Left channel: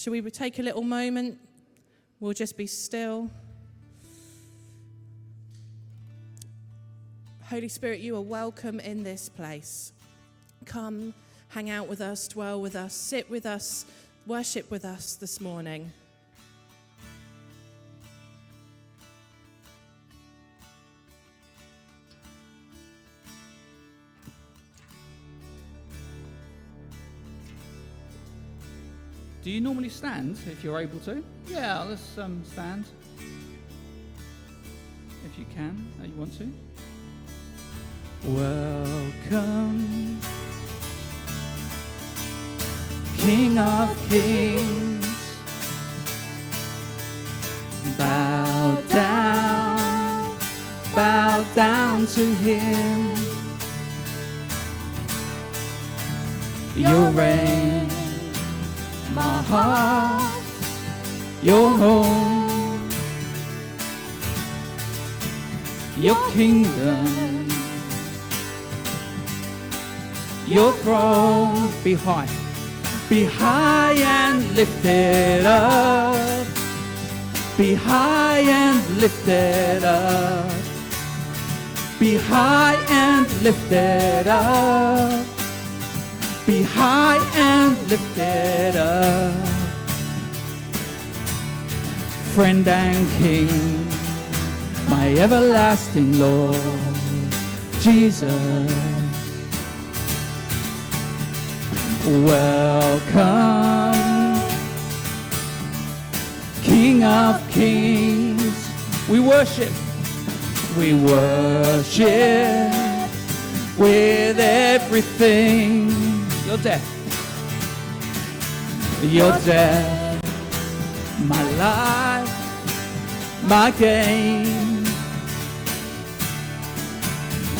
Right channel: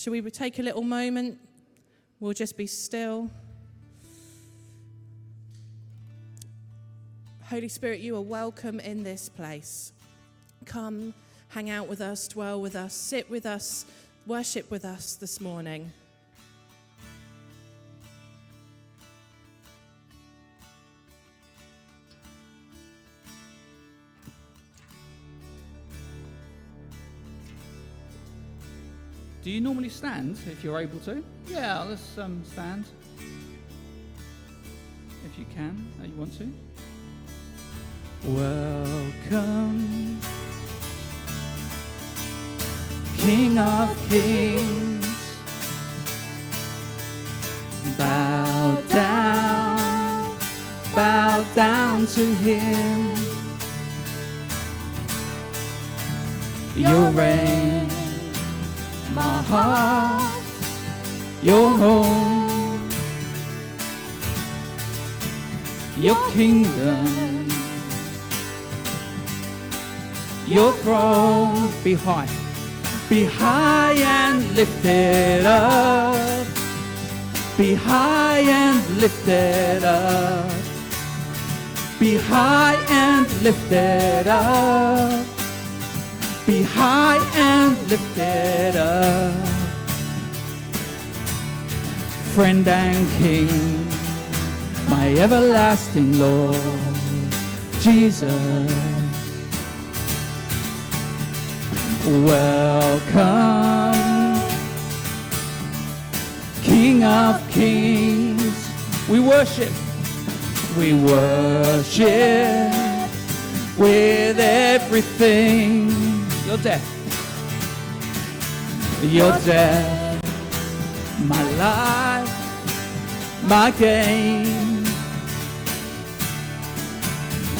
Shall we take a little moment? We'll just be still. Holy Spirit, you are welcome in this place. Come, hang out with us, dwell with us, sit with us, worship with us this morning. Do you normally stand if you're able to? Yeah, let's stand. If you can, you want to. Welcome, King of Kings. Bow down to Him. Your reign, my heart, your home, your kingdom, your throne. Be high and lifted up. Be high and lifted up. Be high and lifted up. Be high and lifted up. Friend and King, my everlasting Lord, Jesus. Welcome, King of Kings. We worship with everything. Your death, my life, my gain,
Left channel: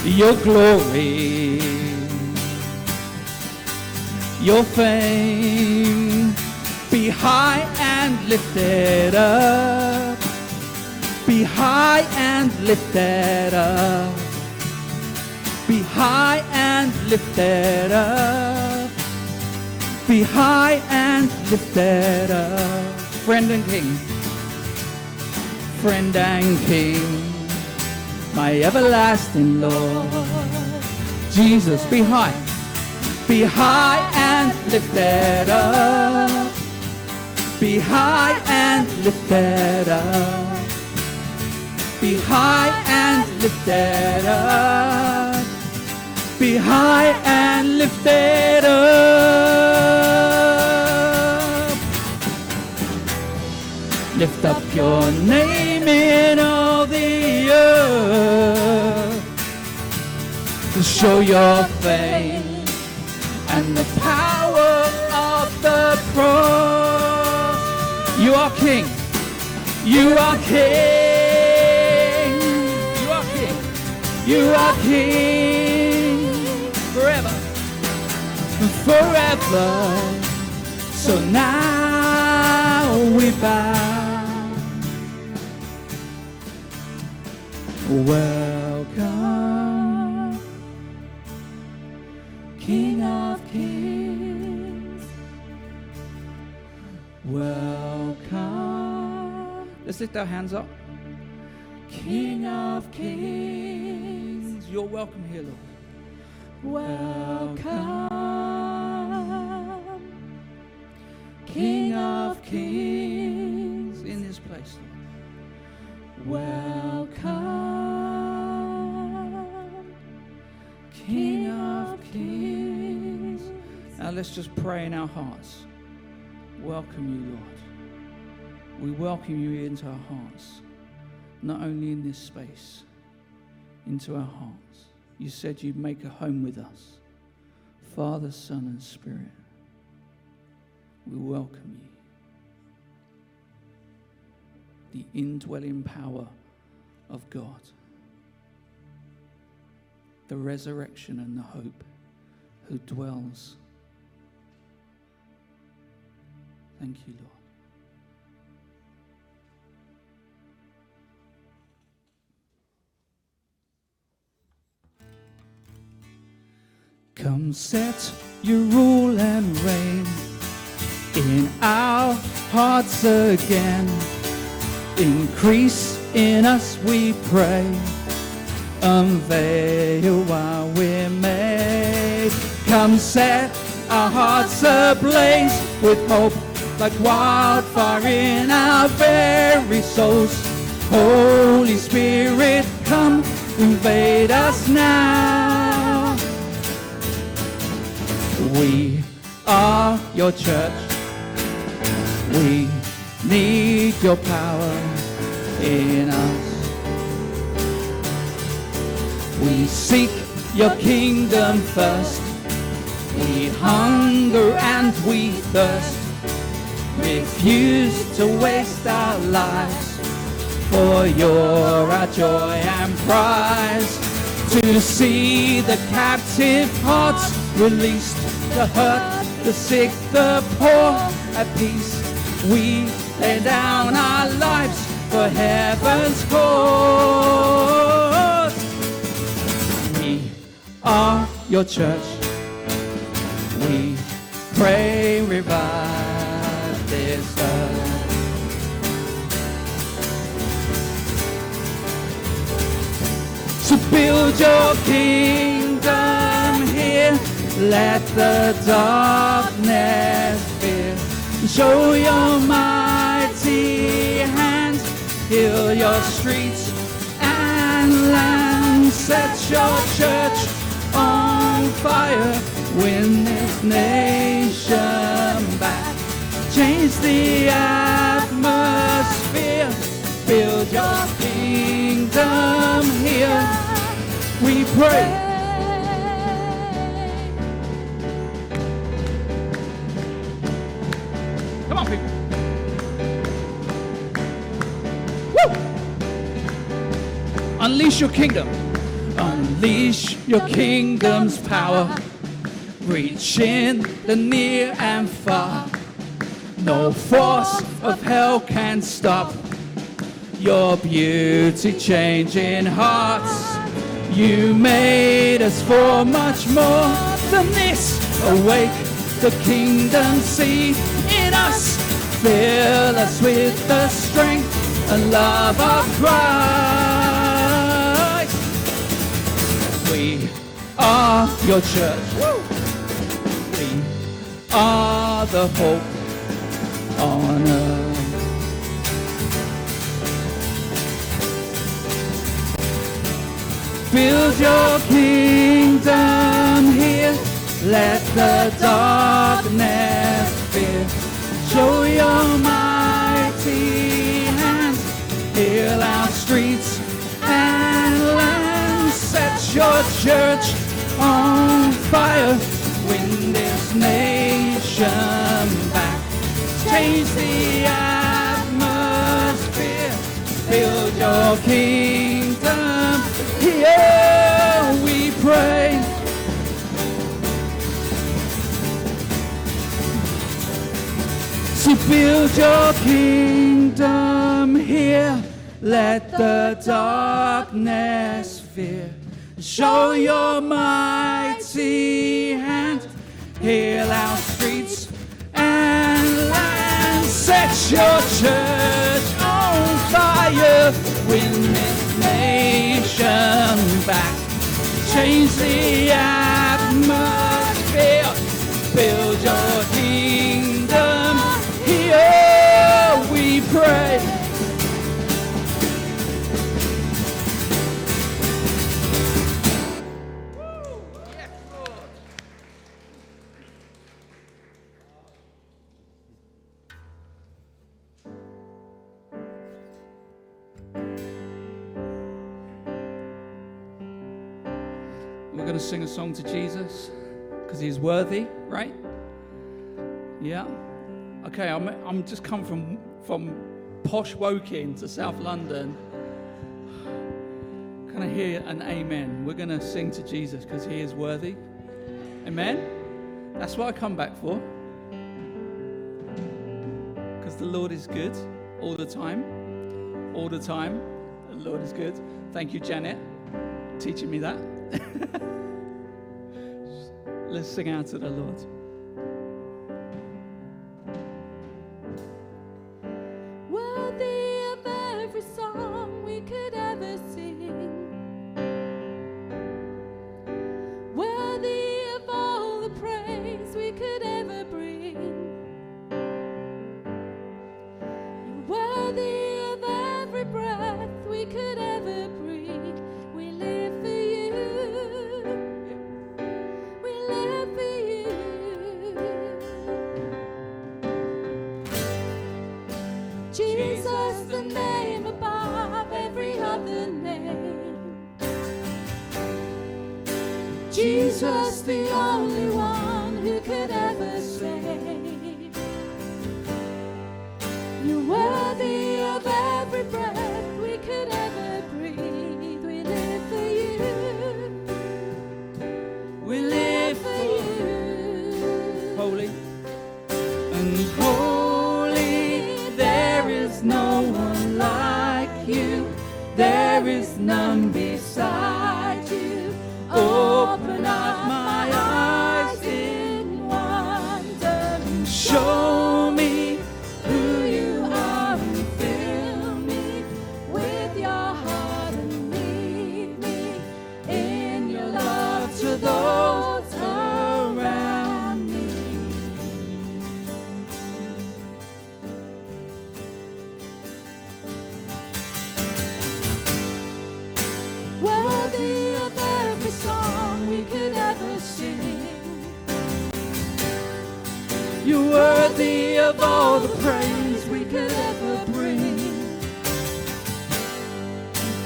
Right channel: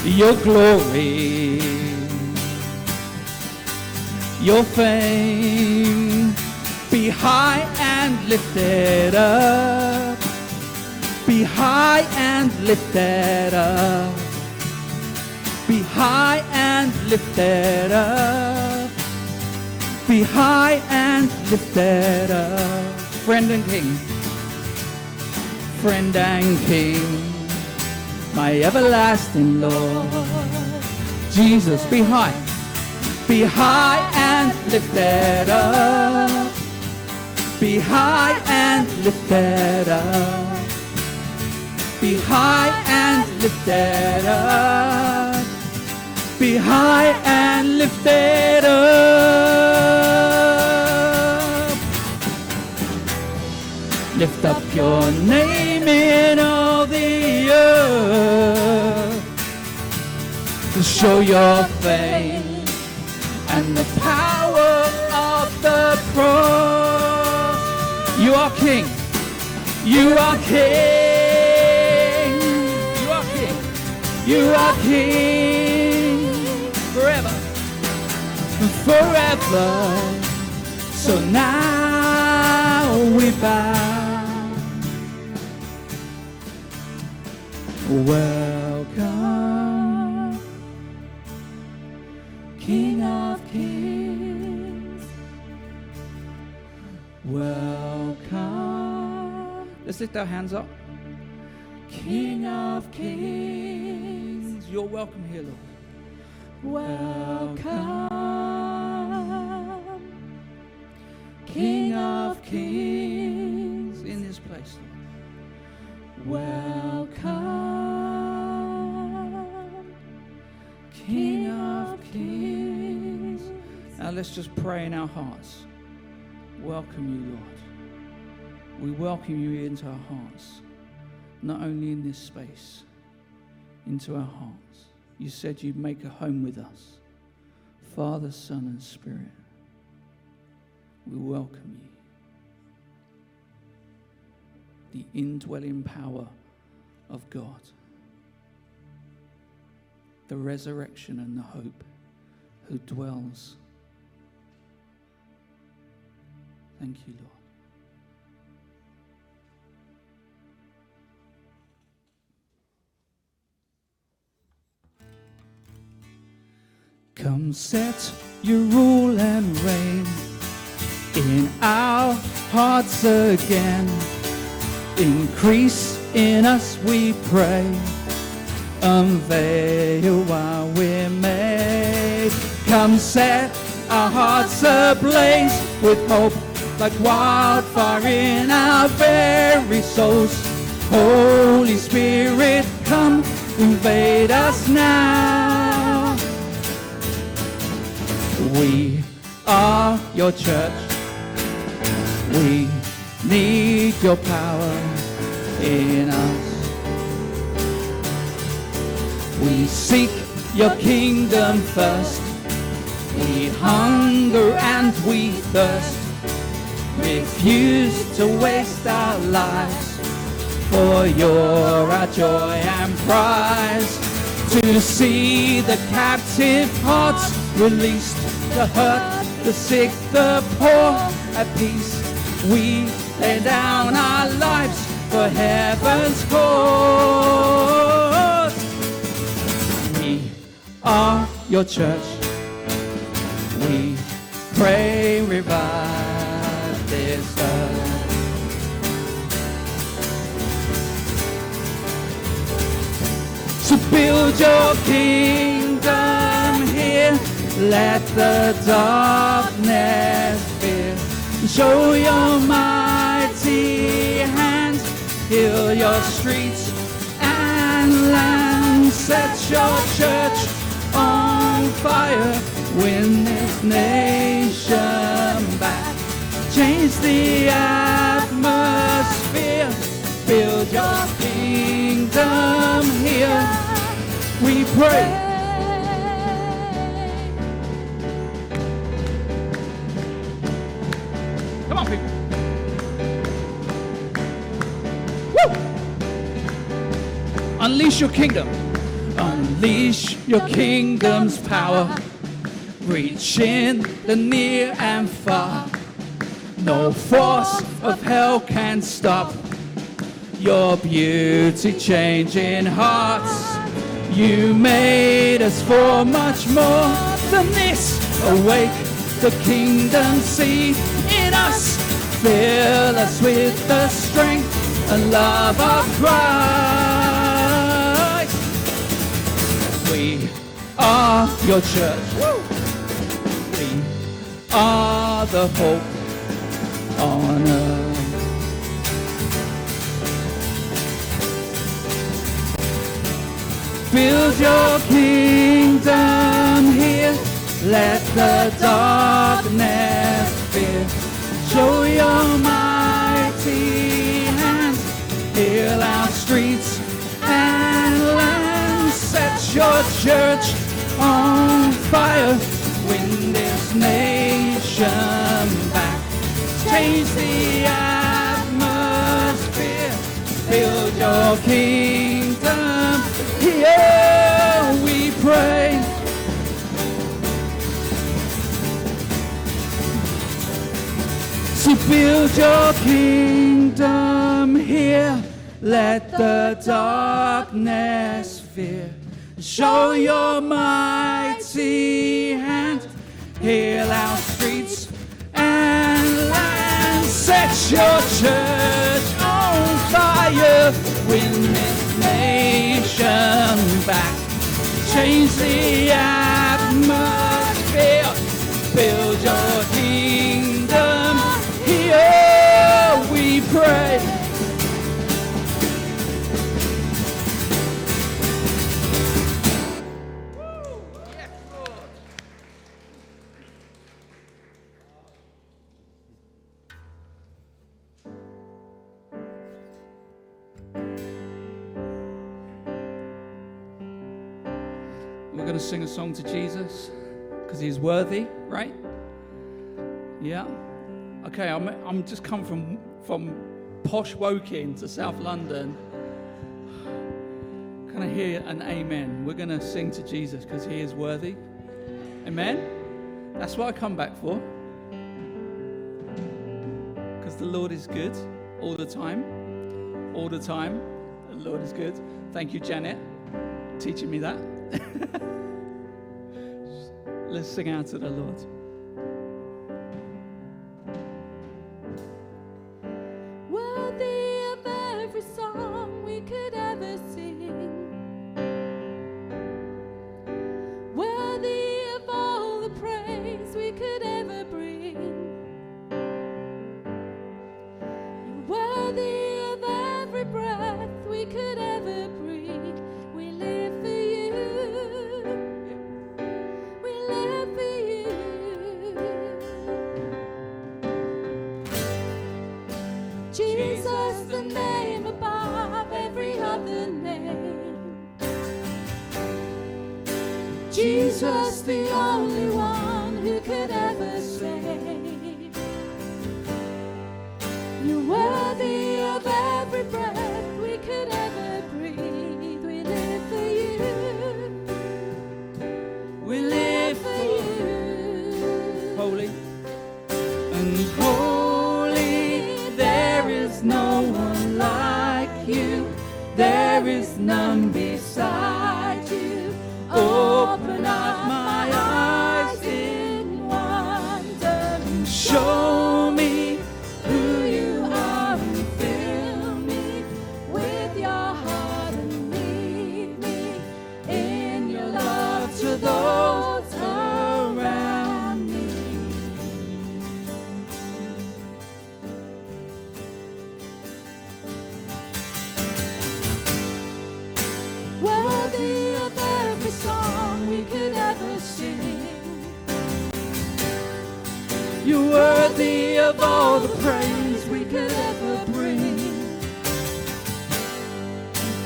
your glory, your fame. Be high and lifted up. Be high and lifted up. Be high and lifted up. Be high and lifted up. Friend and King, friend and King, my everlasting Lord, Jesus. Be high and lifted up. Be high and lifted up. Be high and lifted up. Be high and lifted up. Lift up your name in all the earth to show your fame and the power of the cross. You are King. You are King. You are King. You are King. Forever. Forever. So now we bow. Welcome, King of Kings. Welcome. Let's lift our hands up. King of Kings. You're welcome here, Lord. Welcome, King of Kings, in this place, Lord. Welcome, King of Kings. Now let's just pray in our hearts. Welcome you, Lord. We welcome you into our hearts, not only in this space, into our hearts. You said you'd make a home with us, Father, Son, and Spirit. We welcome you. The indwelling power of God, the resurrection and the hope, who dwells. Thank you, Lord. Come set your rule and reign in our hearts again. Increase in us, we pray. Unveil while we're made. Come set our hearts ablaze with hope, like wildfire in our very souls. Holy Spirit, come invade us now. We are your church. We need your power in us. We seek your kingdom first. We hunger and we thirst. Refuse to waste our lives, for you're our joy and prize. To see the captive hearts released, the hurt, the sick, the poor at peace. We lay down our lives for heaven's cause. We are your church. We pray, revive this earth. So build your kingdom here. Let the darkness fear. Show your mighty hand. Heal your streets and land. Set your church on fire. Win this nation back. Change the atmosphere. Build your kingdom here. We pray. Come on, people. Woo! Unleash your kingdom. Unleash your kingdom's power. Reach in the near and far. No force of hell can stop your beauty changing hearts. You made us for much more than this. Awake the kingdom, see in us. Fill us with the strength and love of Christ. We are your church. We are the hope on earth. Build your kingdom here. Let the darkness fear. Show your mighty hands. Heal our streets and land. Set your church on fire. Win this nation back. Change the atmosphere. Build your kingdom here, we pray. So build your kingdom here. Let the darkness fear. Show your mighty hand. Heal our streets and land. Set your church on fire. Win this nation back. Change the atmosphere. Build your kingdom here, we pray. We're going to sing a song to Jesus because he's worthy, right? Yeah. Okay, I'm just come from posh Woking to South London. Can I hear an amen? We're going to sing to Jesus because he is worthy. Amen? That's what I come back for. Because the Lord is good all the time. All the time. The Lord is good. Thank you, Janet, teaching me that. Let's sing out to the Lord. we could ever breathe. We live for you. We live for you. Jesus, the name above every other name. Jesus, the only one who could ever save. You're worthy of every breath we could ever breathe. We live for you. We live For you. holy and holy. There is no one like you. There is none beside you. Open up my eyes in wonder and show me who you are and fill me with your heart and lead me in your love to those around me. Worthy of every song we could ever sing. You're worthy of all the praise we could ever bring.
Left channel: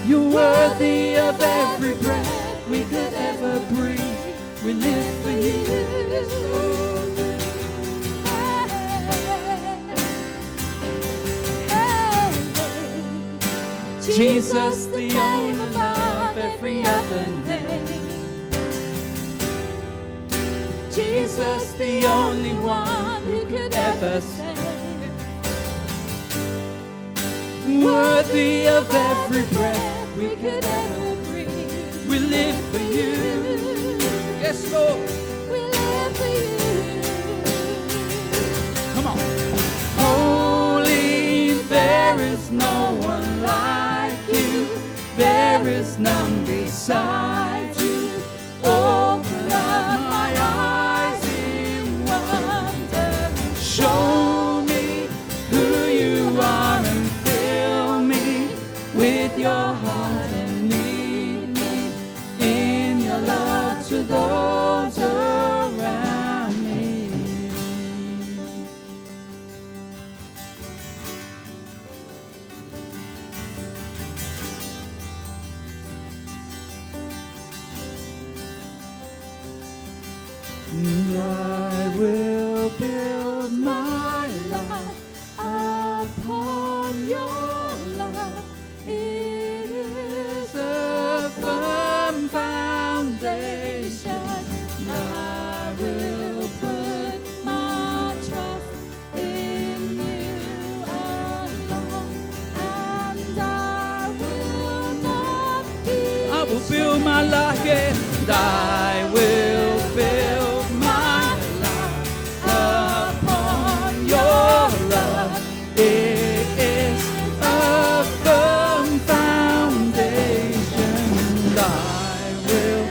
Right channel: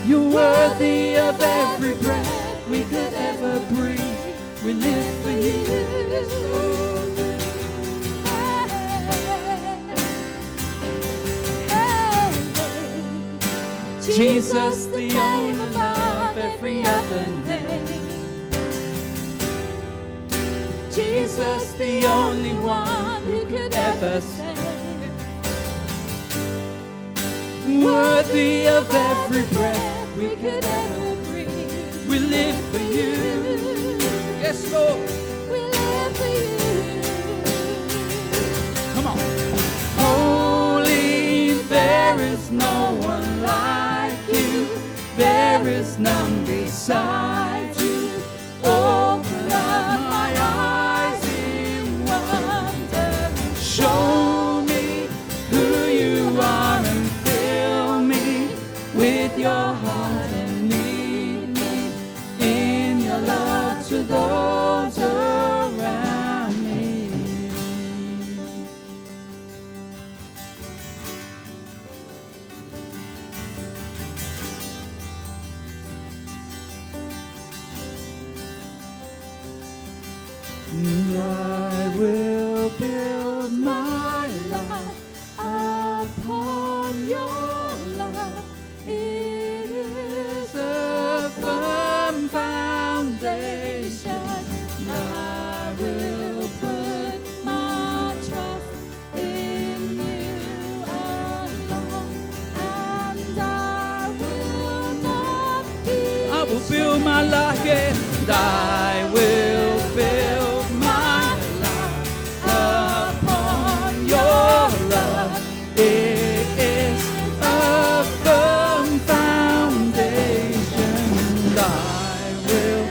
You're worthy of every breath we could ever breathe. We live for you. Jesus, the name above every other name. Jesus, the only one who could ever save. Worthy of every breath we could ever breathe. We live for you. Yes, Lord. We live for you. Come on. Holy, there is no one like you. There is none beside you. Open up my eyes in wonder. Show me who you are and fill me with your heart and lead me in your love to those around me. And I will build my life upon your love. It is a firm foundation. I will put my trust in you alone, and I will not be. I will build my life, yeah, and I will build my life upon your love. It is a firm foundation, and I will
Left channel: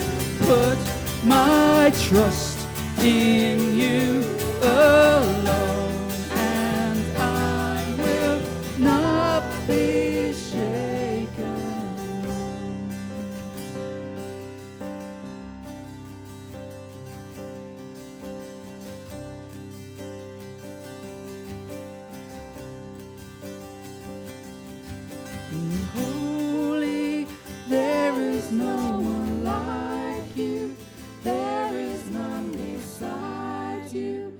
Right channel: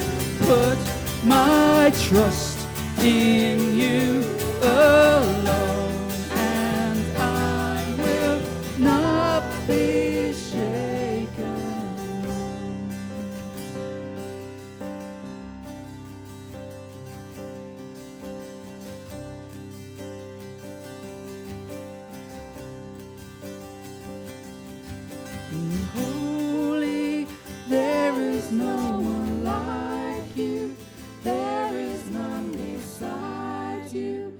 put my trust in you alone, and I will not be shaken. And holy, there is no one like you. There is none beside you.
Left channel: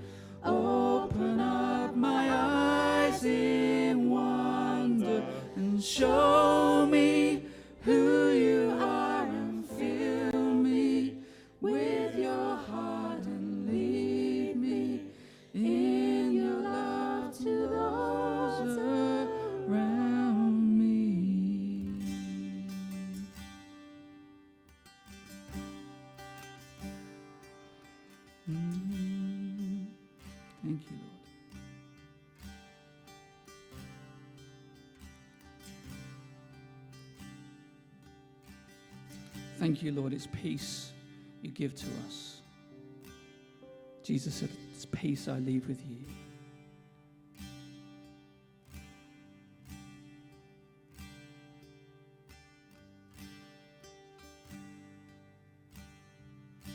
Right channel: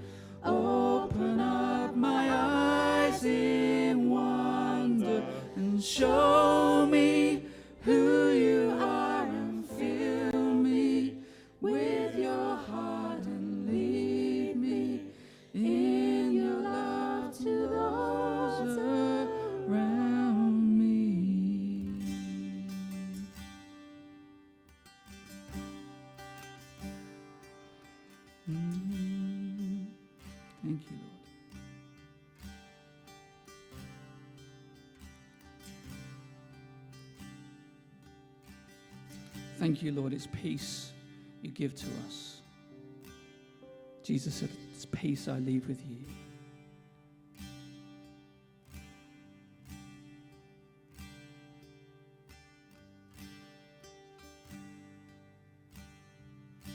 Open up my eyes in wonder and show me who you are and fill me with your heart and lead me in your love to those around me. Thank you, Lord. Thank you, Lord. It's peace you give to us. Jesus said, it's peace I leave with you.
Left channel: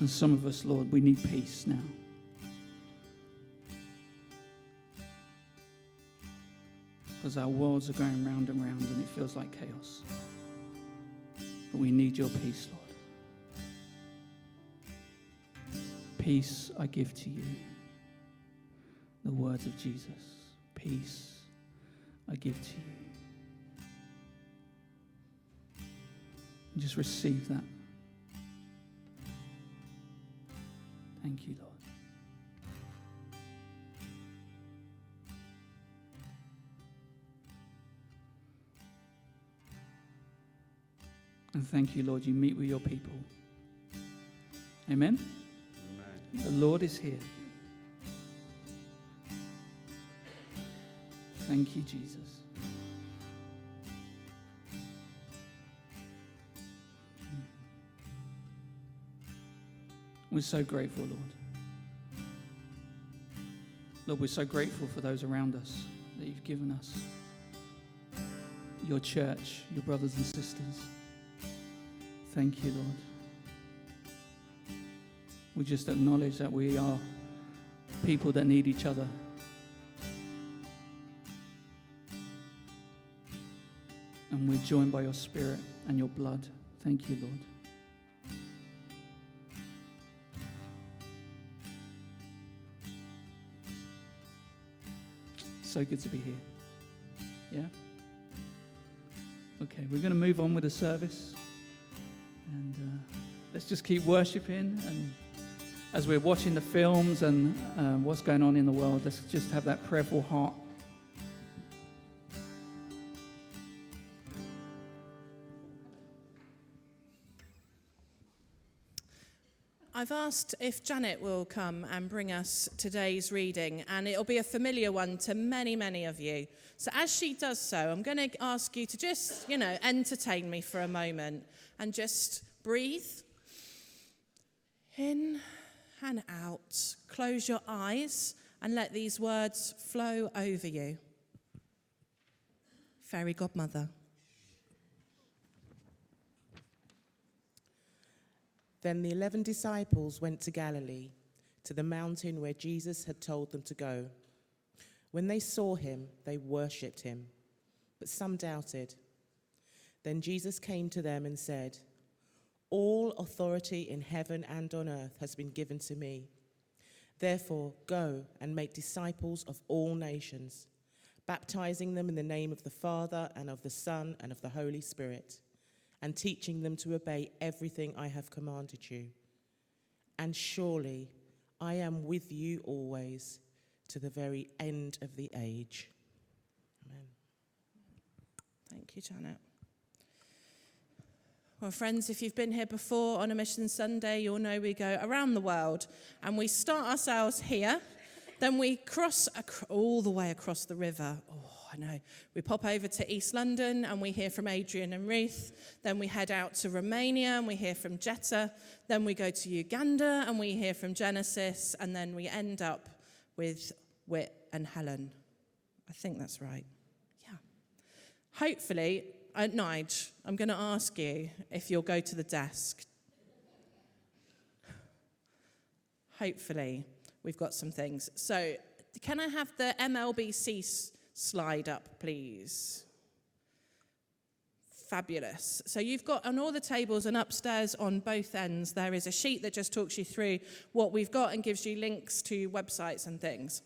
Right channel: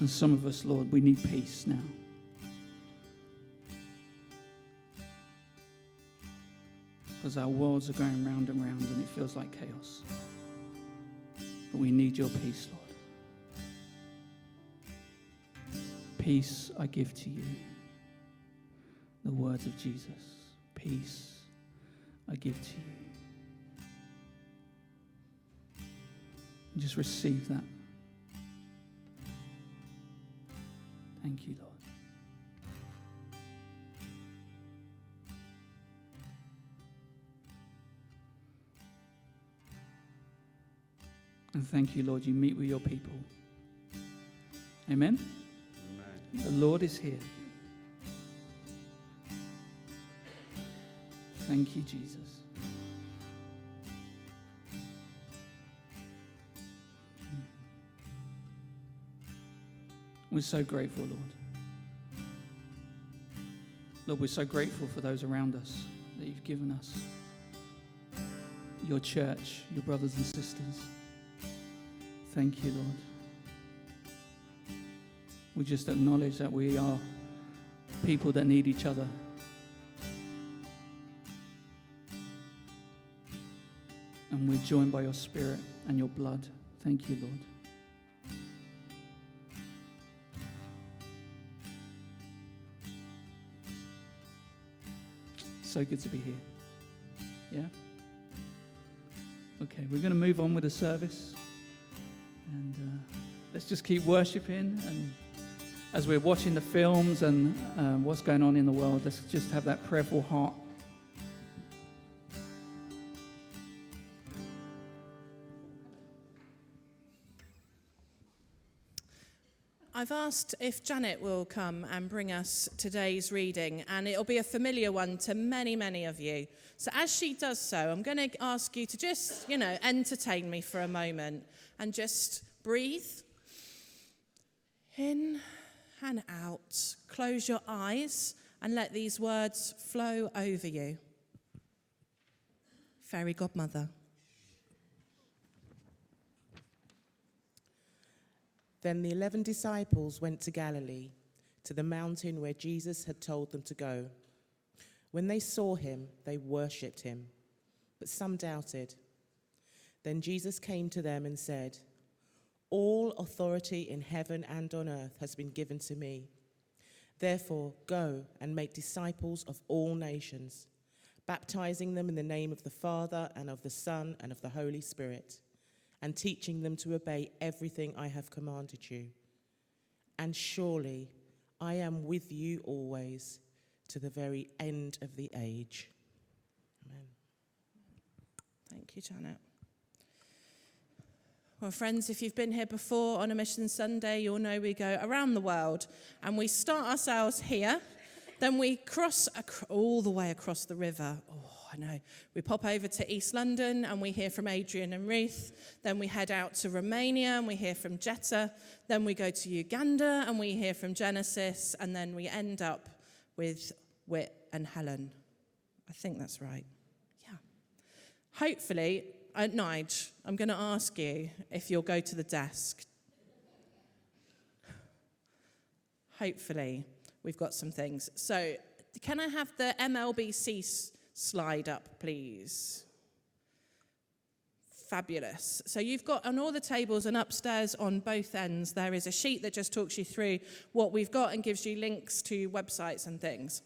And some of us, Lord, we need peace now. Because our worlds are going round and round and it feels like chaos. But we need your peace, Lord. Peace I give to you. The words of Jesus. Peace I give to you. And just receive that. Thank you, Lord. And thank you, Lord, you meet with your people. Amen? Amen. The Lord is here. Thank you, Jesus. We're so grateful, Lord. Lord, we're so grateful for those around us that you've given us. Your church, your brothers and sisters. Thank you, Lord. We just acknowledge that we are people that need each other. And we're joined by your Spirit and your blood. Thank you, Lord. So good to be here. Yeah? Okay, we're going to move on with the service. And let's just keep worshiping. And as we're watching the films and what's going on in the world, let's just have that prayerful heart. I've asked if Janet will come and bring us today's reading, and it'll be a familiar one to many, many of you. So as she does so, I'm going to ask you to just, entertain me for a moment and just breathe in and out. Close your eyes and let these words flow over you. Fairy Godmother. Then the 11 disciples went to Galilee, to the mountain where Jesus had told them to go. When they saw him, they worshipped him, but some doubted. Then Jesus came to them and said, "All authority in heaven and on earth has been given to me. Therefore, go and make disciples of all nations, baptizing them in the name of the Father and of the Son and of the Holy Spirit, and teaching them to obey everything I have commanded you. And surely I am with you always to the very end of the age." Amen. Thank you, Janet. Well, friends, if you've been here before on a Mission Sunday, you'll know we go around the world and we start ourselves here. Then we cross all the way across the river. Oh, I know. We pop over to East London and we hear from Adrian and Ruth. Then we head out to Romania and we hear from Jetta. Then we go to Uganda and we hear from Genesis. And then we end up with Whit and Helen. I think that's right. Yeah. Hopefully, Nige, I'm going to ask you if you'll go to the desk. Hopefully, we've got some things. So, can I have the MLBC slide up, please? Fabulous. So you've got on all the tables and upstairs on both ends, there is a sheet that just talks you through what we've got and gives you links to websites and things.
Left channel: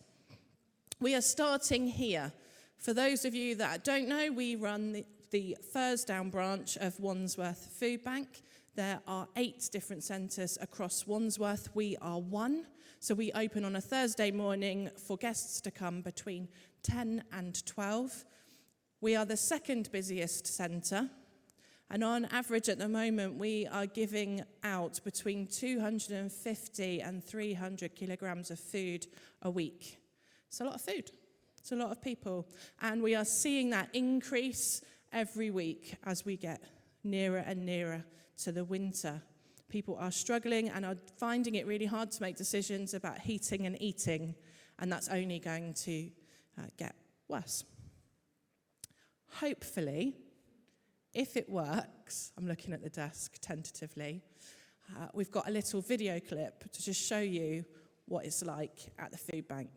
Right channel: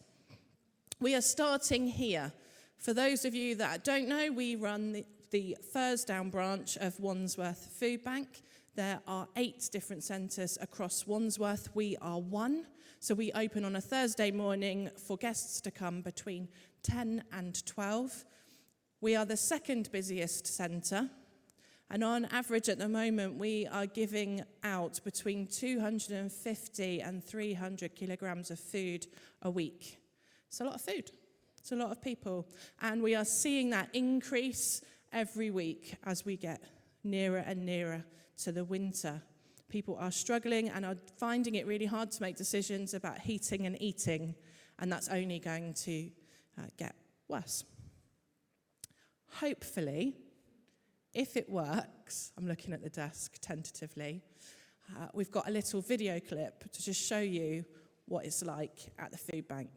We are starting here. For those of you that don't know, we run the Thursdown branch of Wandsworth Food Bank. There are 8 different centres across Wandsworth. We are one. So we open on a Thursday morning for guests to come between 10 and 12. We are the second busiest centre. And on average at the moment, we are giving out between 250 and 300 kilograms of food a week. It's a lot of food. It's a lot of people. And we are seeing that increase every week as we get nearer and nearer to the winter. People are struggling and are finding it really hard to make decisions about heating and eating, and that's only going to get worse. Hopefully, if it works, I'm looking at the desk tentatively, we've got a little video clip to just show you what it's like at the food bank.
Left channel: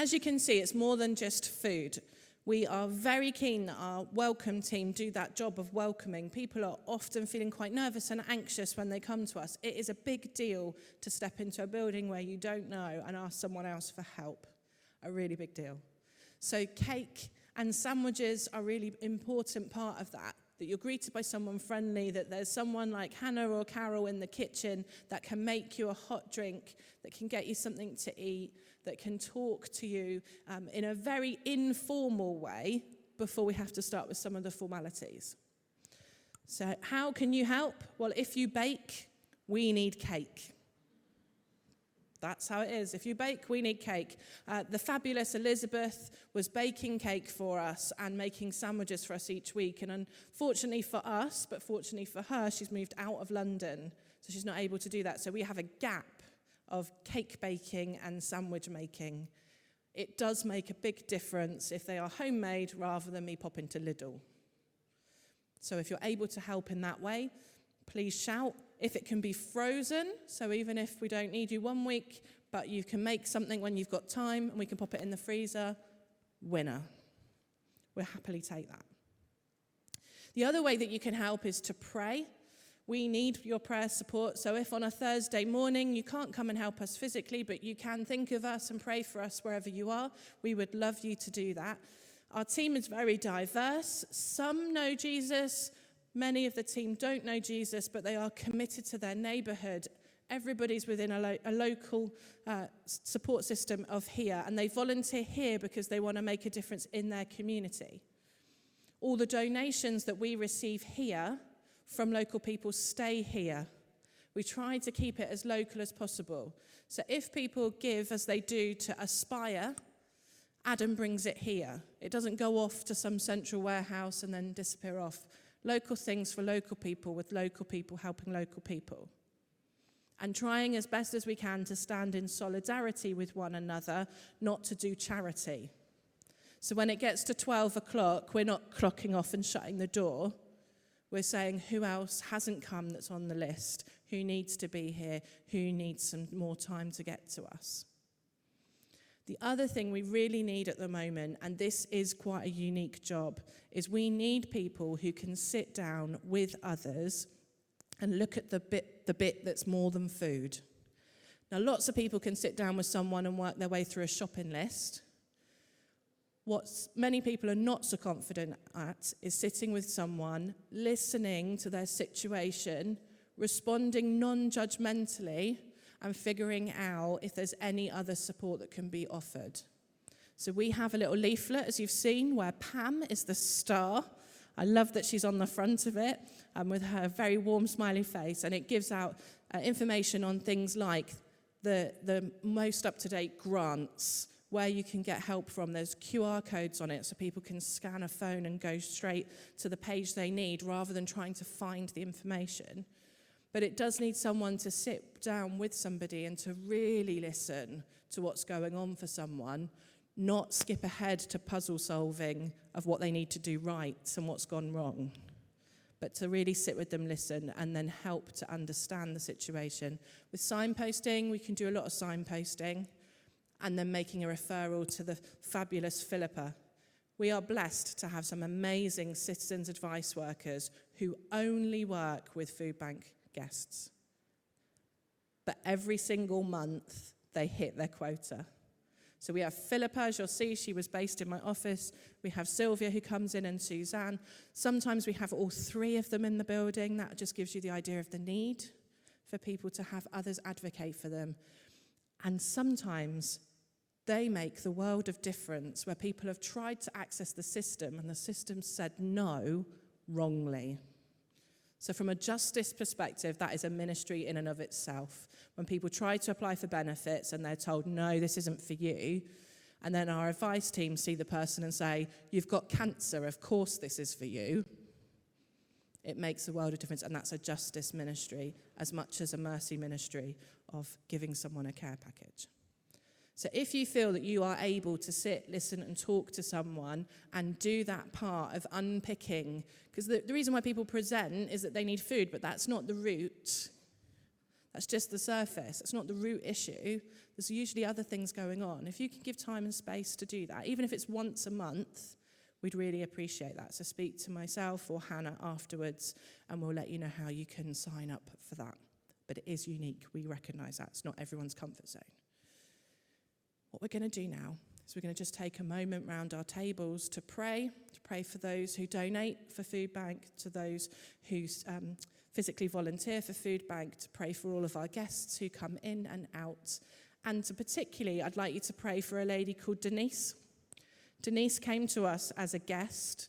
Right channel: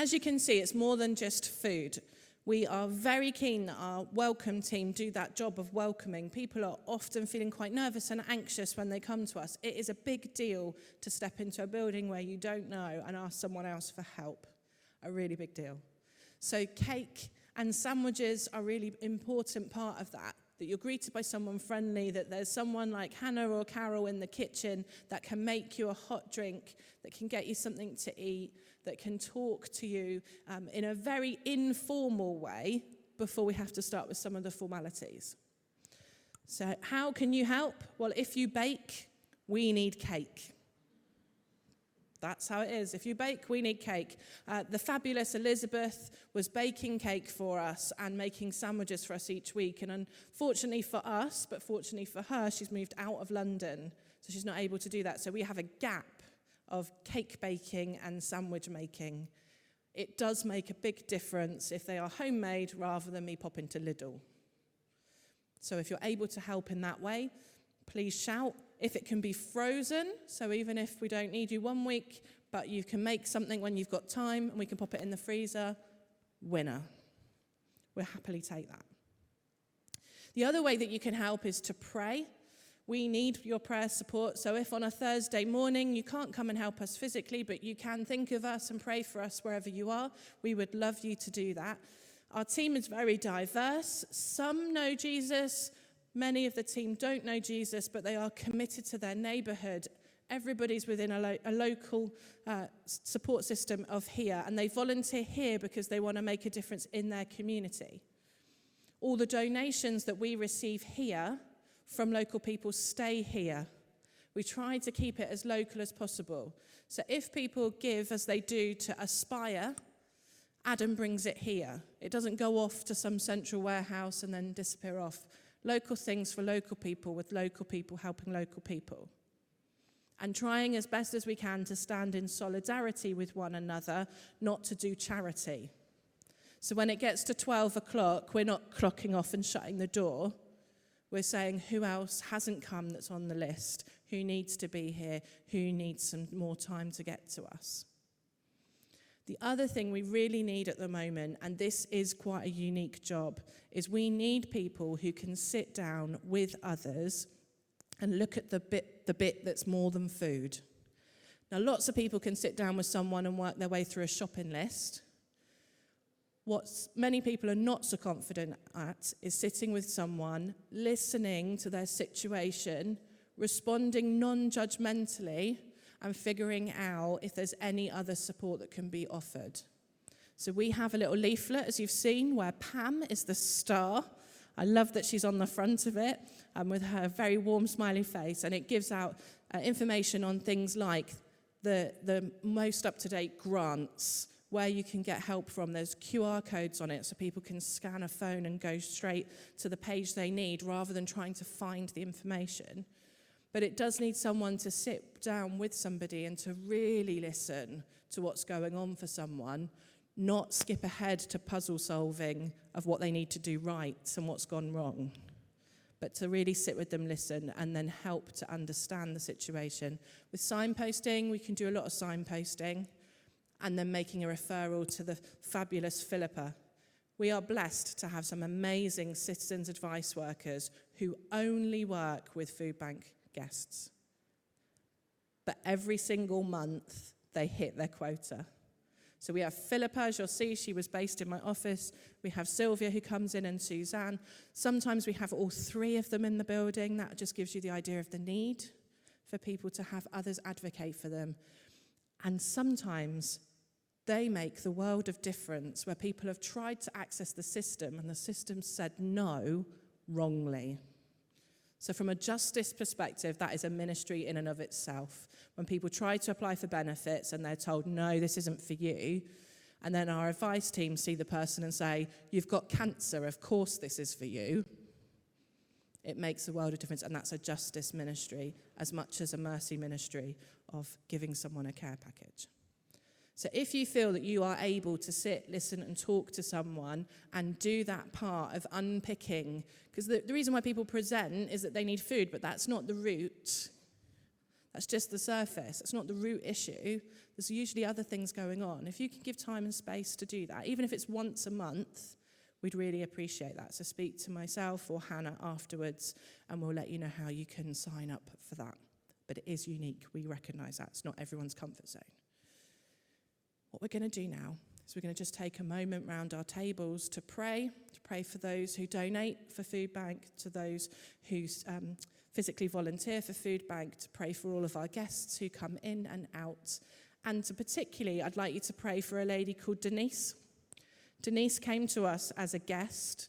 As you can see, it's more than just food. We are very keen that our welcome team do that job of welcoming. People are often feeling quite nervous and anxious when they come to us. It is a big deal to step into a building where you don't know and ask someone else for help. A really big deal. So cake and sandwiches are a really important part of that you're greeted by someone friendly, that there's someone like Hannah or Carol in the kitchen that can make you a hot drink, that can get you something to eat, that can talk to you in a very informal way before we have to start with some of the formalities. So how can you help? Well, if you bake, we need cake. That's how it is. If you bake, we need cake. The fabulous Elizabeth was baking cake for us and making sandwiches for us each week. And unfortunately for us, but fortunately for her, she's moved out of London, so she's not able to do that. So we have a gap of cake baking and sandwich making. It does make a big difference if they are homemade rather than me popping to Lidl. So if you're able to help in that way, please shout. If it can be frozen, so even if we don't need you 1 week, but you can make something when you've got time and we can pop it in the freezer, winner. We'll happily take that. The other way that you can help is to pray. We need your prayer support. So if on a Thursday morning you can't come and help us physically, but you can think of us and pray for us wherever you are, we would love you to do that. Our team is very diverse. Some know Jesus. Many of the team don't know Jesus, but they are committed to their neighborhood. Everybody's within a local support system of here, and they volunteer here because they want to make a difference in their community. All the donations that we receive here from local people stay here. We try to keep it as local as possible. So if people give, as they do, to Aspire, Adam brings it here. It doesn't go off to some central warehouse and then disappear off. Local things for local people, with local people helping local people. And trying as best as we can to stand in solidarity with one another, not to do charity. So when it gets to 12 o'clock, we're not clocking off and shutting the door. We're saying who else hasn't come that's on the list, who needs to be here, who needs some more time to get to us. The other thing we really need at the moment, and this is quite a unique job, is we need people who can sit down with others and look at the bit that's more than food. Now, lots of people can sit down with someone and work their way through a shopping list. What many people are not so confident at is sitting with someone, listening to their situation, responding non-judgmentally, and figuring out if there's any other support that can be offered. So we have a little leaflet, as you've seen, where Pam is the star. I love that she's on the front of it with her very warm, smiley face, and it gives out information on things like the most up-to-date grants, where you can get help from. There's QR codes on it so people can scan a phone and go straight to the page they need rather than trying to find the information. But it does need someone to sit down with somebody and to really listen to what's going on for someone, not skip ahead to puzzle solving of what they need to do right and what's gone wrong, but to really sit with them, listen, and then help to understand the situation. With signposting, we can do a lot of signposting, and then making a referral to the fabulous Philippa. We are blessed to have some amazing citizens advice workers who only work with food bank guests. But every single month, they hit their quota. So we have Philippa, as you'll see, she was based in my office. We have Sylvia, who comes in, and Suzanne. Sometimes we have all three of them in the building. That just gives you the idea of the need for people to have others advocate for them. And sometimes they make the world of difference where people have tried to access the system and the system said no wrongly. So from a justice perspective, that is a ministry in and of itself. When people try to apply for benefits and they're told, no, this isn't for you, and then our advice team see the person and say, you've got cancer, of course this is for you, it makes a world of difference. And that's a justice ministry as much as a mercy ministry of giving someone a care package. So if you feel that you are able to sit, listen, and talk to someone and do that part of unpicking, because the reason why people present is that they need food, but that's not the root. That's just the surface. It's not the root issue. There's usually other things going on. If you can give time and space to do that, even if it's once a month, we'd really appreciate that. So speak to myself or Hannah afterwards, and we'll let you know how you can sign up for that. But it is unique. We recognise that. It's not everyone's comfort zone. What we're going to do now is we're going to just take a moment round our tables to pray for those who donate for Food Bank, to those who physically volunteer for Food Bank, to pray for all of our guests who come in and out. And to particularly, I'd like you to pray for a lady called Denise. Denise came to us as a guest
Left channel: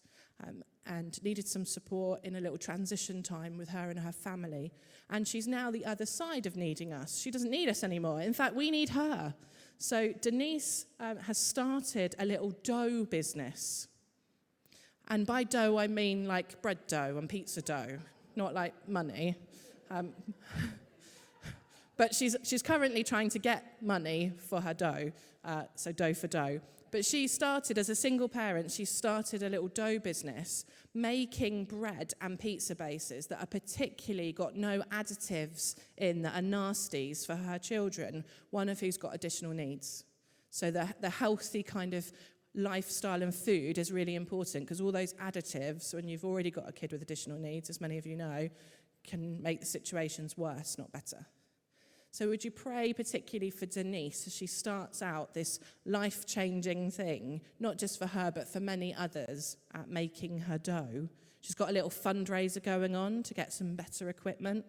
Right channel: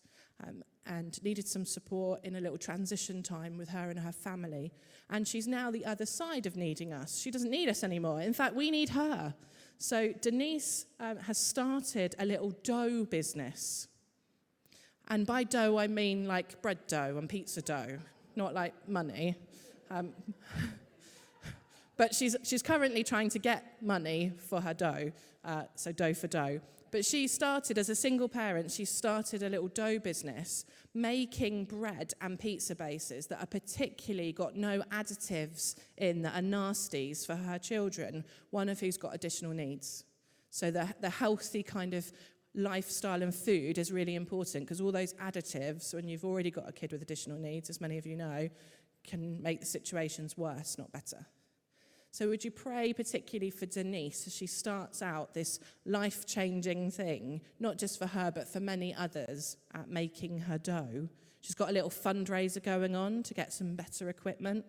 and needed some support in a little transition time with her and her family. And she's now the other side of needing us. She doesn't need us anymore. In fact, we need her. So Denise has started a little dough business. And by dough, I mean like bread dough and pizza dough, not like money. But she's currently trying to get money for her dough, so dough for dough. But she started, as a single parent, she started a little dough business making bread and pizza bases that are particularly got no additives in that are nasties for her children, one of who's got additional needs. So the healthy kind of lifestyle and food is really important, because all those additives, when you've already got a kid with additional needs, as many of you know, can make the situations worse, not better. So would you pray particularly for Denise as she starts out this life-changing thing, not just for her, but for many others at making her dough. She's got a little fundraiser going on to get some better equipment,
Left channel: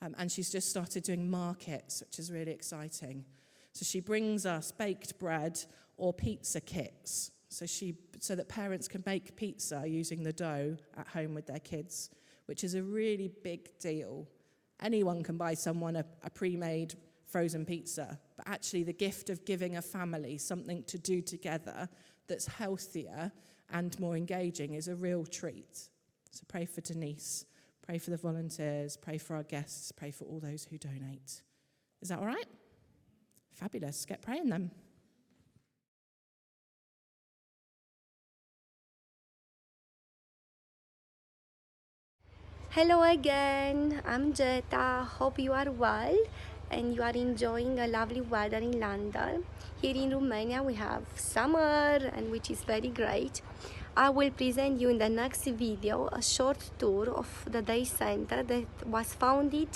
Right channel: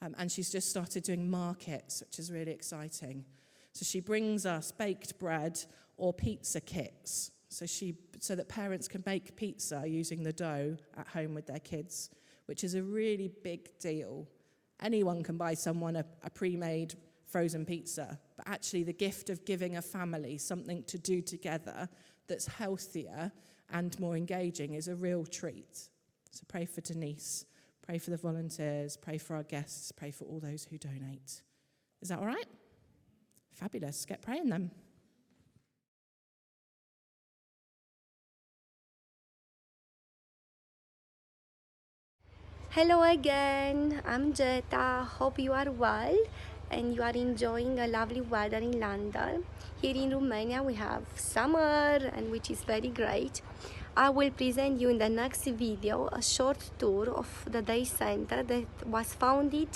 and she's just started doing markets, which is really exciting. So she brings us baked bread or pizza kits, so that parents can make pizza using the dough at home with their kids, which is a really big deal. Anyone can buy someone a pre-made frozen pizza, but actually the gift of giving a family something to do together that's healthier and more engaging is a real treat. So pray for Denise, pray for the volunteers, pray for our guests, pray for all those who donate. Is that all right? Fabulous. Get praying then. Hello again, I'm Jeta. Hope you are well and you are enjoying a lovely weather in London. Here in Romania we have summer, and which is very great. I will present you in the next video a short tour of the day center that was founded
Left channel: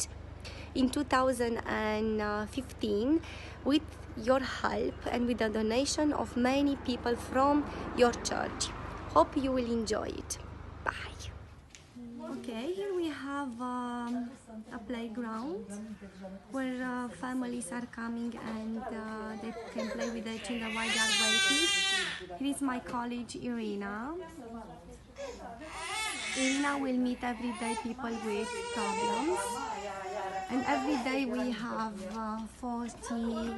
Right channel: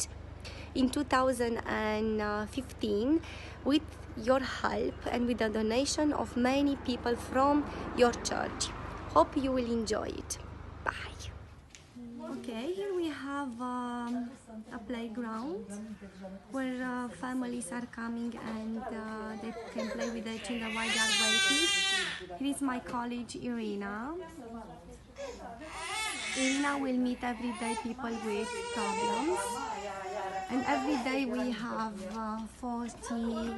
in 2015 with your help and with the donation of many people from your church. Hope you will enjoy it. Bye. Okay, here we have a playground where families are coming and they can play with their children while they are waiting. Here is my colleague Irina. Irina will meet everyday people with problems, and every day we have 40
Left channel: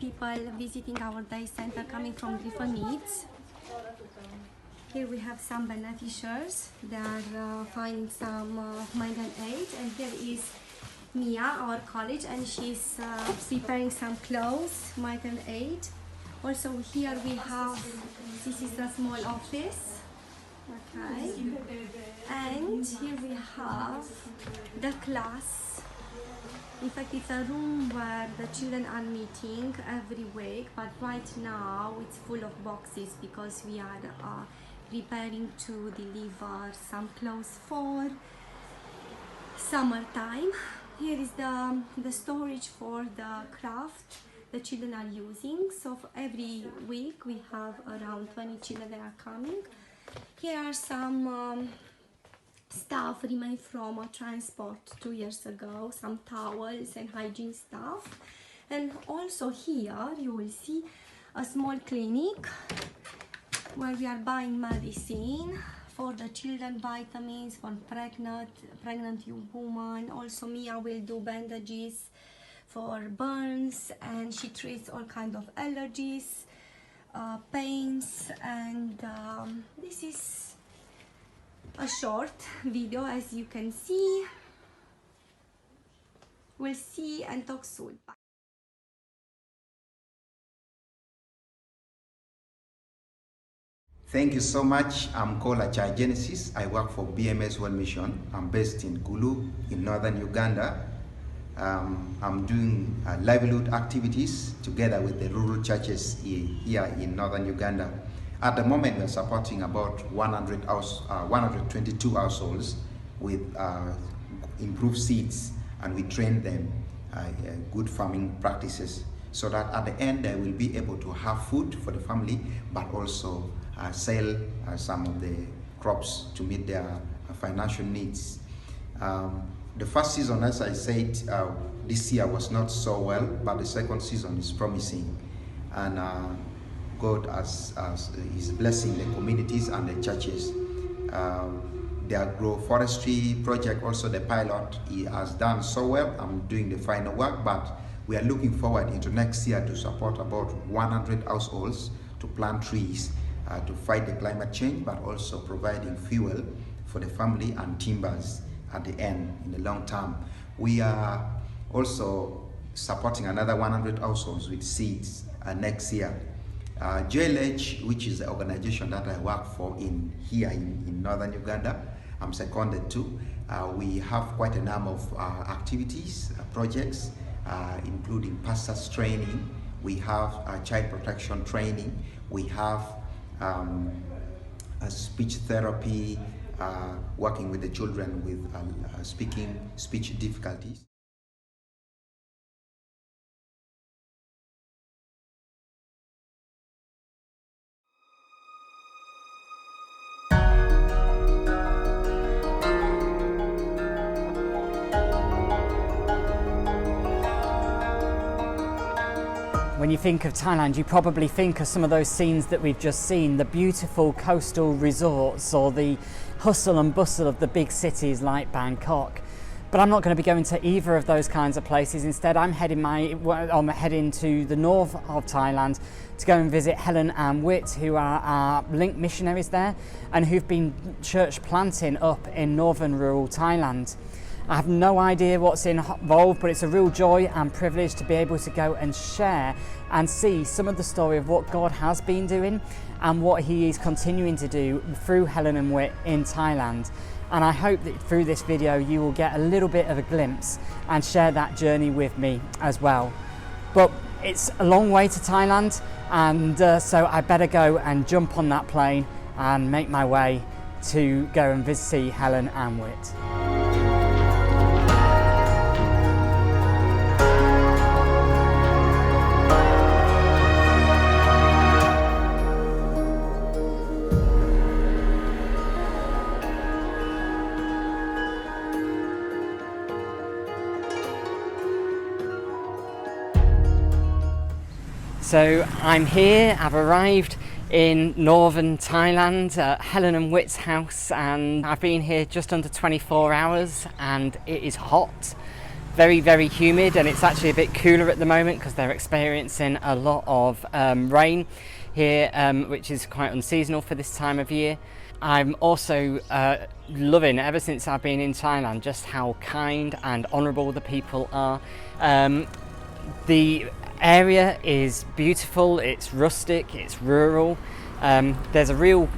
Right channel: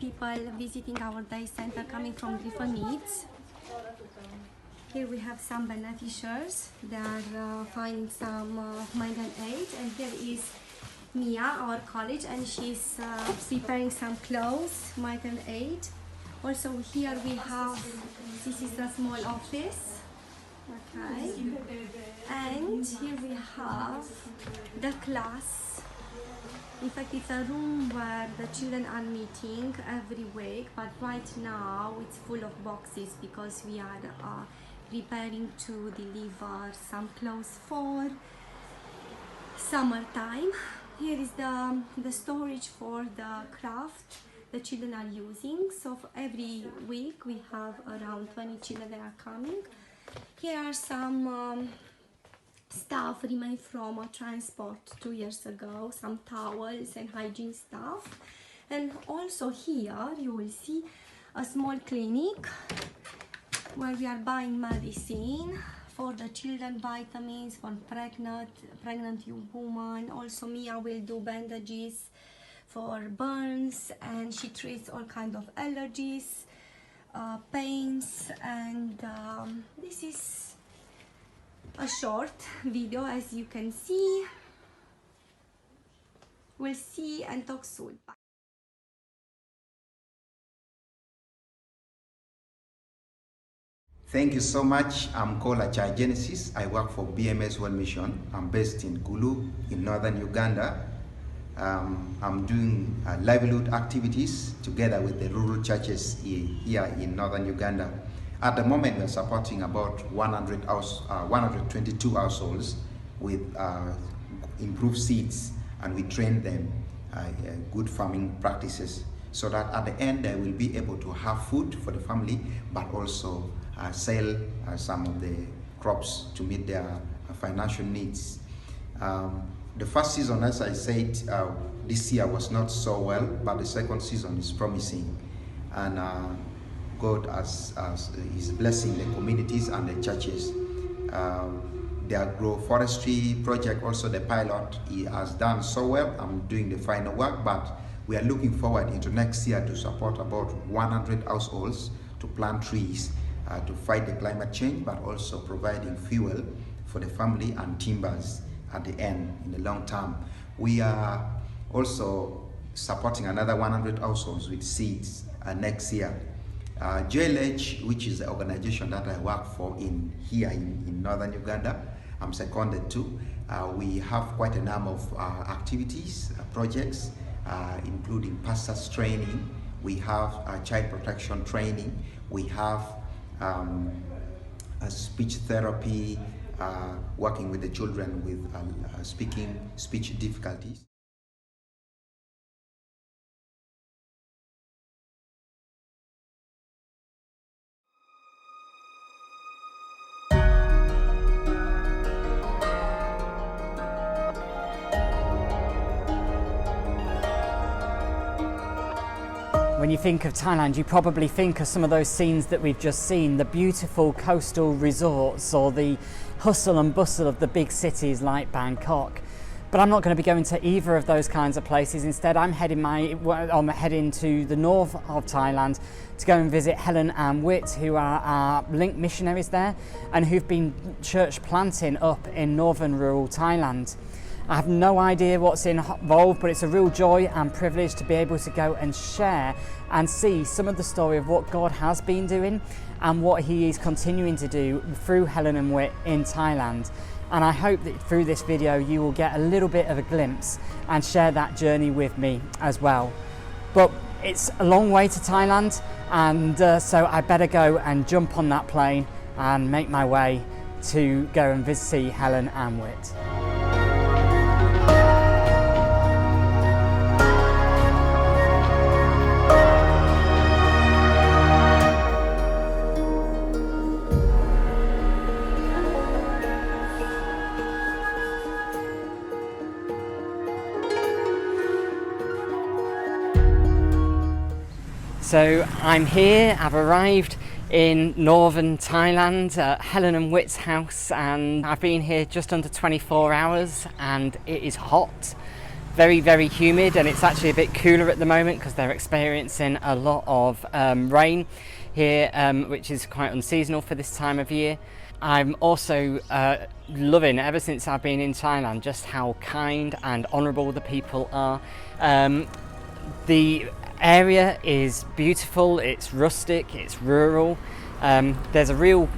people visiting our day center coming from different needs. Here we have some beneficiaries. They are finding some migrant aid, and here is Mia, our colleague, and she's preparing some clothes, migrant aid. Also here we have, this is a small office, okay, and here we have the class. In fact, it's a room where the children are meeting every week, but right now it's full of boxes because we are preparing to deliver some clothes for summertime. Here is the storage for the craft the children are using. So for every week we have around 20 children that are coming. Here are some stuff remained from a transport 2 years ago, some towels and hygiene stuff. And also here you will see a small clinic where we are buying medicine for the children, vitamins for pregnant women. Also Mia will do bandages for burns, and she treats all kinds of allergies, pains, and this is a short video. As you can see, we'll see and talk soon. Bye. Thank you so much. I'm called Achai Genesis. I work for BMS World Mission. I'm based in Gulu in northern Uganda. I'm doing livelihood activities together with the rural churches here in northern Uganda. At the moment, we're supporting about 122 households with improved seeds, and we train them good farming practices so that at the end they will be able to have food for the family, but also sell some of the crops to meet their financial needs. The first season, as I said, this year was not so well, but the second season is promising, and God is blessing the communities and the churches. The agroforestry project, also the pilot, has done so well. I'm doing the final work, but we are looking forward into next year to support about 100 households to plant trees to fight the climate change, but also providing fuel for the family and timbers at the end in the long term. We are also supporting another 100 households with seeds next year. JLH, which is the organization that I work for here in northern Uganda, I'm seconded to. We have quite a number of activities, projects, including pastors training. We have child protection training. We have speech therapy, working with the children with speech difficulties. When you think of Thailand, you probably think of some of those scenes that we've just seen, the beautiful coastal resorts or the hustle and bustle of the big cities like Bangkok. But I'm not going to be going to either of those kinds of places. Instead, I'm heading to the north of Thailand to go and visit Helen and Whit, who are our link missionaries there and who've been church planting up in northern rural Thailand. I have no idea what's involved, but it's a real joy and privilege to be able to go and share and see some of the story of what God has been doing and what He is continuing to do through Helen and Whit in Thailand. And I hope that through this video you will get a little bit of a glimpse and share that journey with me as well. But it's a long way to Thailand, and so I better go and jump on that plane and make my way to go and see Helen and Whit. So I'm here, I've arrived in northern Thailand at Helen and Witt's house, and I've been here just under 24 hours and it is hot, very, very humid, and it's actually a bit cooler at the moment because they're experiencing a lot of rain here, which is quite unseasonal for this time of year. I'm also loving, ever since I've been in Thailand, just how kind and honourable the people are. The area is beautiful, it's rustic, it's rural. There's a real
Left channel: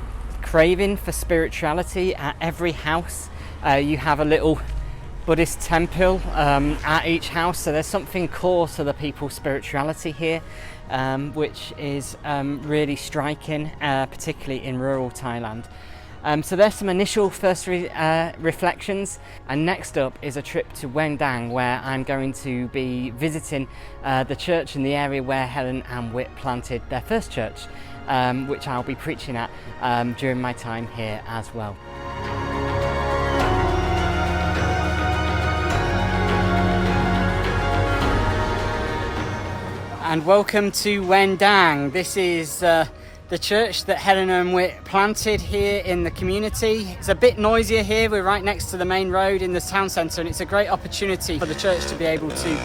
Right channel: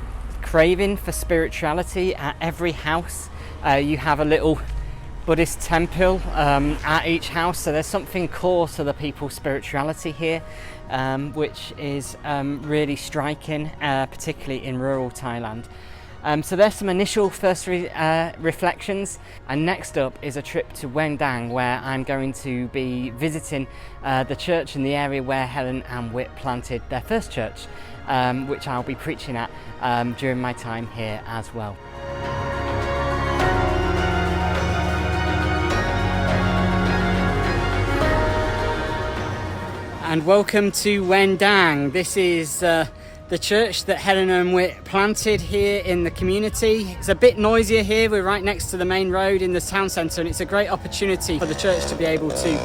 craving for spirituality at every house. You have a little Buddhist temple at each house, so there's something core to the people's spirituality here, which is really striking, particularly in rural Thailand. So there's some initial first reflections, and next up is a trip toUen Dang, where I'm going to be visiting the church in the area where Helen and Witt planted their first church, which I'll be preaching at during my time here as well. And welcome toUen Dang. This is the church that Helen and Witt planted here in the community. It's a bit noisier here. We're right next to the main road in the town centre, and it's a great opportunity for the church to be able to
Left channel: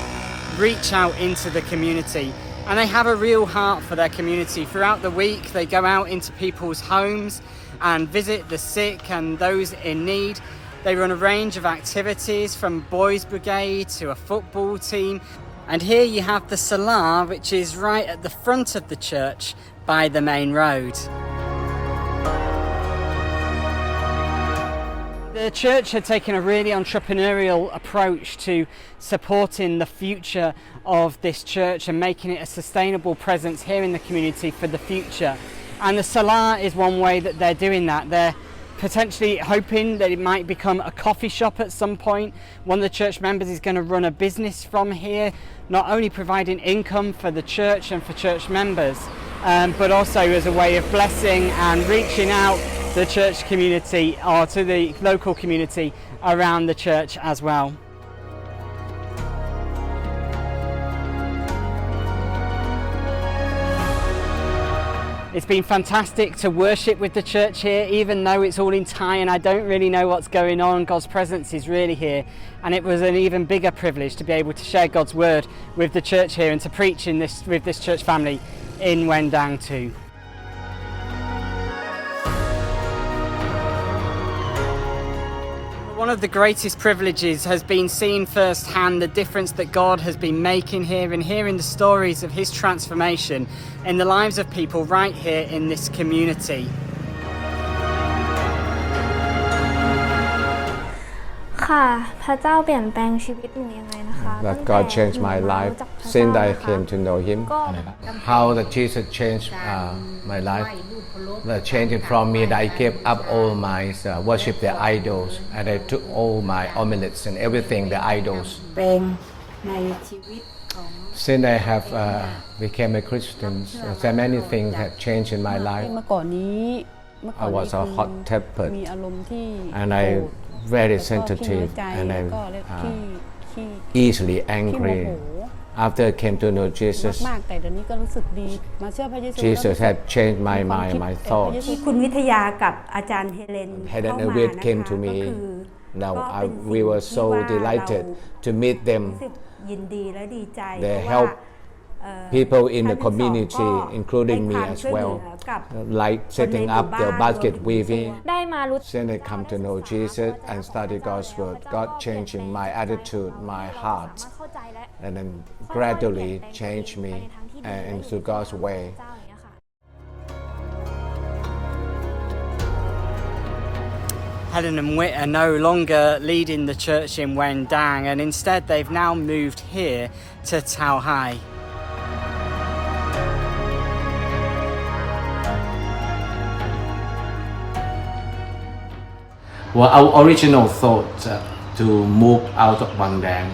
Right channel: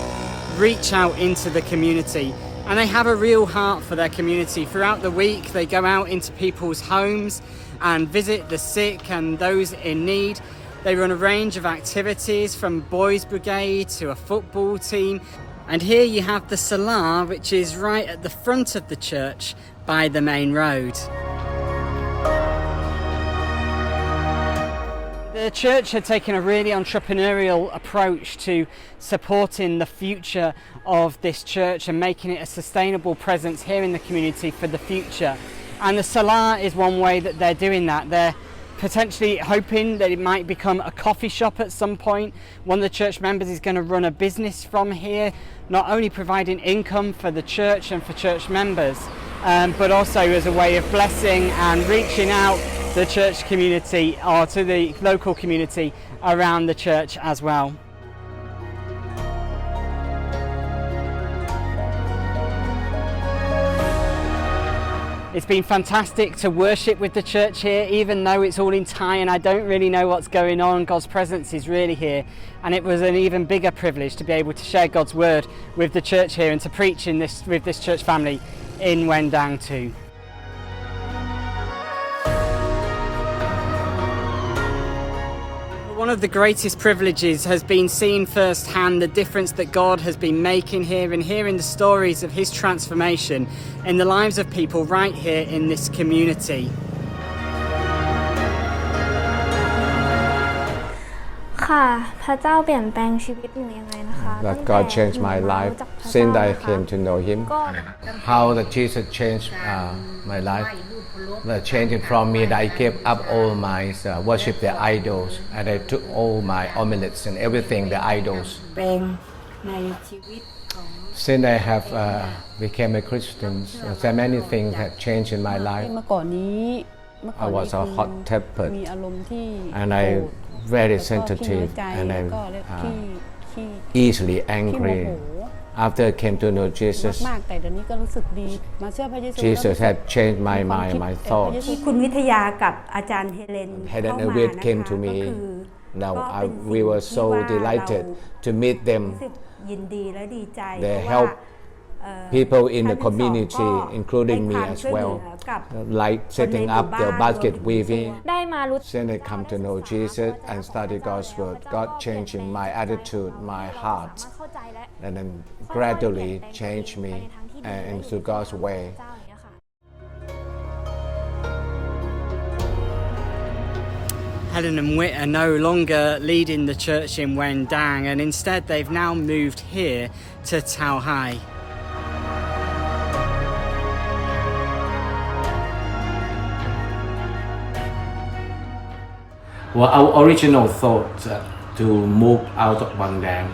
reach out into the community. And they have a real heart for their community. Throughout the week, they go out into people's homes and visit the sick and those in need. They run a range of activities, from Boys Brigade to a football team. And here you have the Salar, which is right at the front of the church by the main road. The church had taken a really entrepreneurial approach to supporting the future of this church and making it a sustainable presence here in the community for the future. And the Salar is one way that they're doing that. They're potentially hoping that it might become a coffee shop at some point. One of the church members is going to run a business from here, not only providing income for the church and for church members, but also as a way of blessing and reaching out to the church community or to the local community around the church as well. It's been fantastic to worship with the church here, even though it's all in Thai and I don't really know what's going on. God's presence is really here, and it was an even bigger privilege to be able to share God's word with the church here and to preach with this church family inUen Dang too. One of the greatest privileges has been seeing firsthand the difference that God has been making here, and hearing the stories of his transformation in the lives of people right here in this community. That God changed my life since I came to know Him. How that Jesus changed my life. The changing from me that I gave up all my worship the idols, and I took all my amulets and everything the idols. Since I have became a Christian, there are many things that changed in my life. I was a hot-tempered, and I very sensitive, and I'm easily angry. After I came to know Jesus, Jesus had changed my mind, my thoughts. Helen and Witt came to me. Now we were so delighted to meet them. They helped people in the community, including me as well, like setting up the basket weaving. Since I come to know Jesus and study God's word, God changing my attitude, my heart, and then gradually changed me into God's way. Helen and Witt are no longer leading the church inUen Dang, and instead they've now moved here to Tao Hai. Well, our original thought to move out ofUen Dang,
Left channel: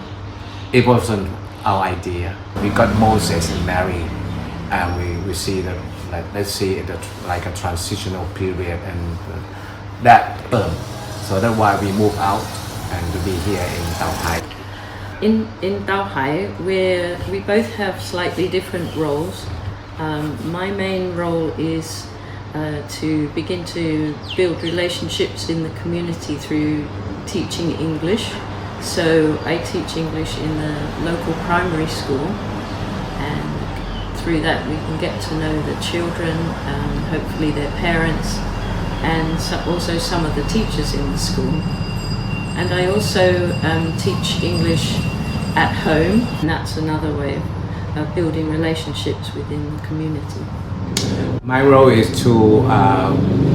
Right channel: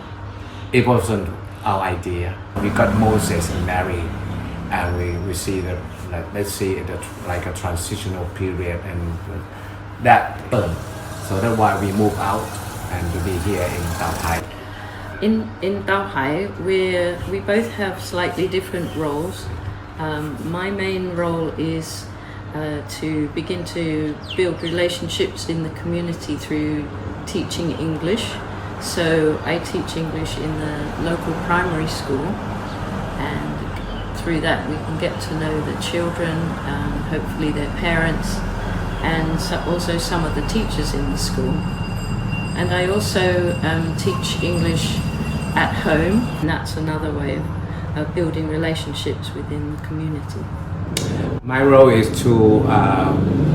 it wasn't our idea. We got Moses and Mary, and we see that, let's see it like a transitional period, and that so that's why we moved out and to be here in Tao Hai. In Tao Hai, we both have slightly different roles. My main role is to begin to build relationships in the community through teaching English. So I teach English in the local primary school, and through that we can get to know the children, hopefully their parents, and also some of the teachers in the school. And I also teach English at home, and that's another way of building relationships within the community. My role is to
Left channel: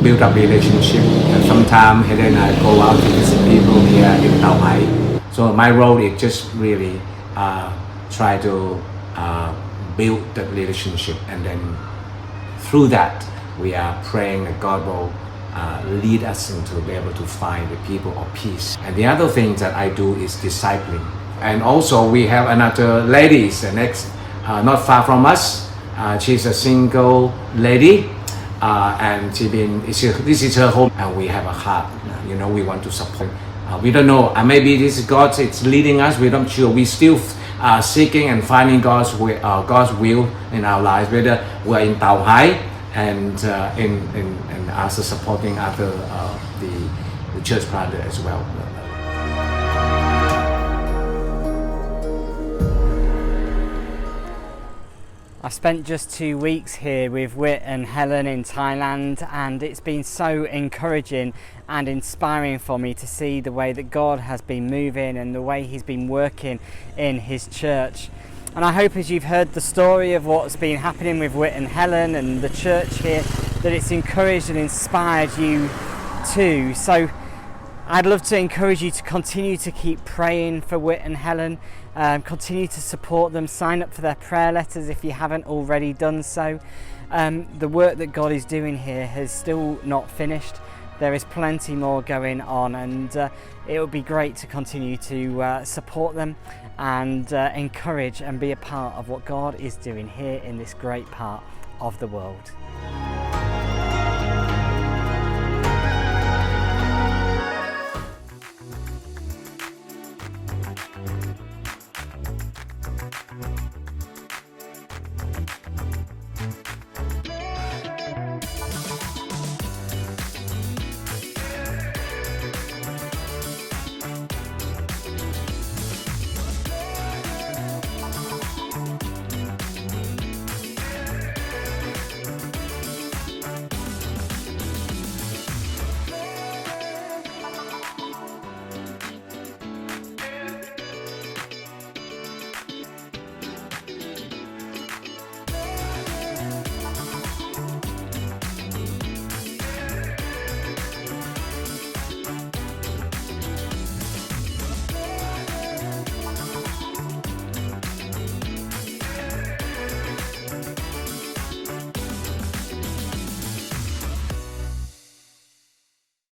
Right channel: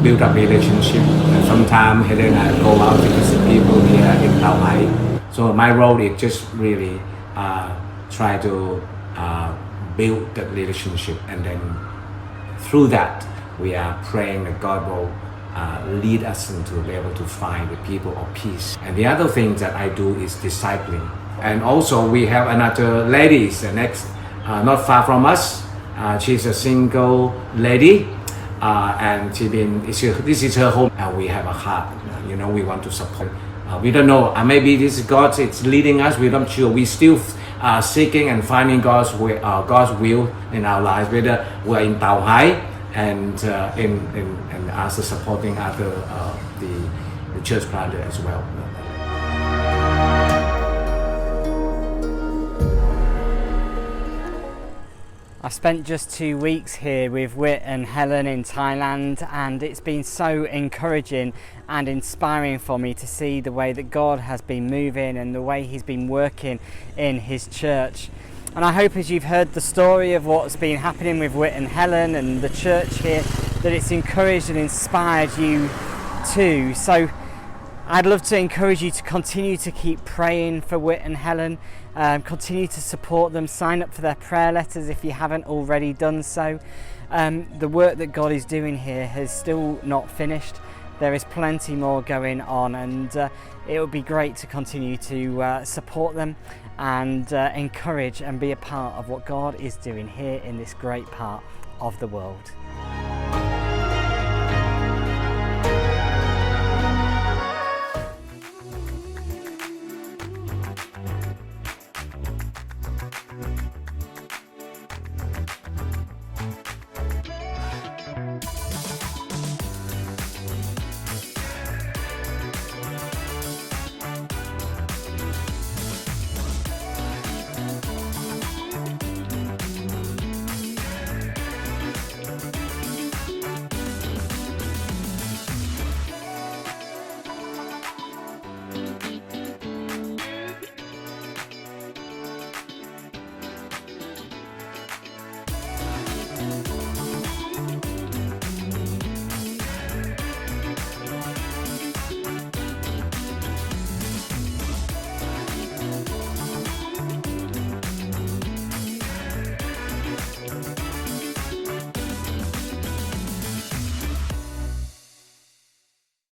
build up relationship. Sometimes Helen and I go out to visit people here in Tao Hai. So my role is just really try to build the relationship, and then through that we are praying that God will lead us into be able to find the people of peace. And the other thing that I do is discipling. And also we have another lady next, not far from us. She's a single lady, and this is her home, and we have a heart. We want to support. We don't know. Maybe this is God. It's leading us. We're not sure. We still seeking and finding God's will in our lives. Whether we're in Tao Hai and also supporting other the church planter as well. I've spent just 2 weeks here with Whit and Helen in Thailand, and it's been so encouraging and inspiring for me to see the way that God has been moving and the way He's been working in His church. And I hope as you've heard the story of what's been happening with Whit and Helen and the church here, that it's encouraged and inspired you too. So I'd love to encourage you to continue to keep praying for Whit and Helen. Continue to support them. Sign up for their prayer letters if you haven't already done so. The work that God is doing here has still not finished. There is plenty more going on, and it would be great to continue to support them and encourage and be a part of what God is doing here in this great part of the world.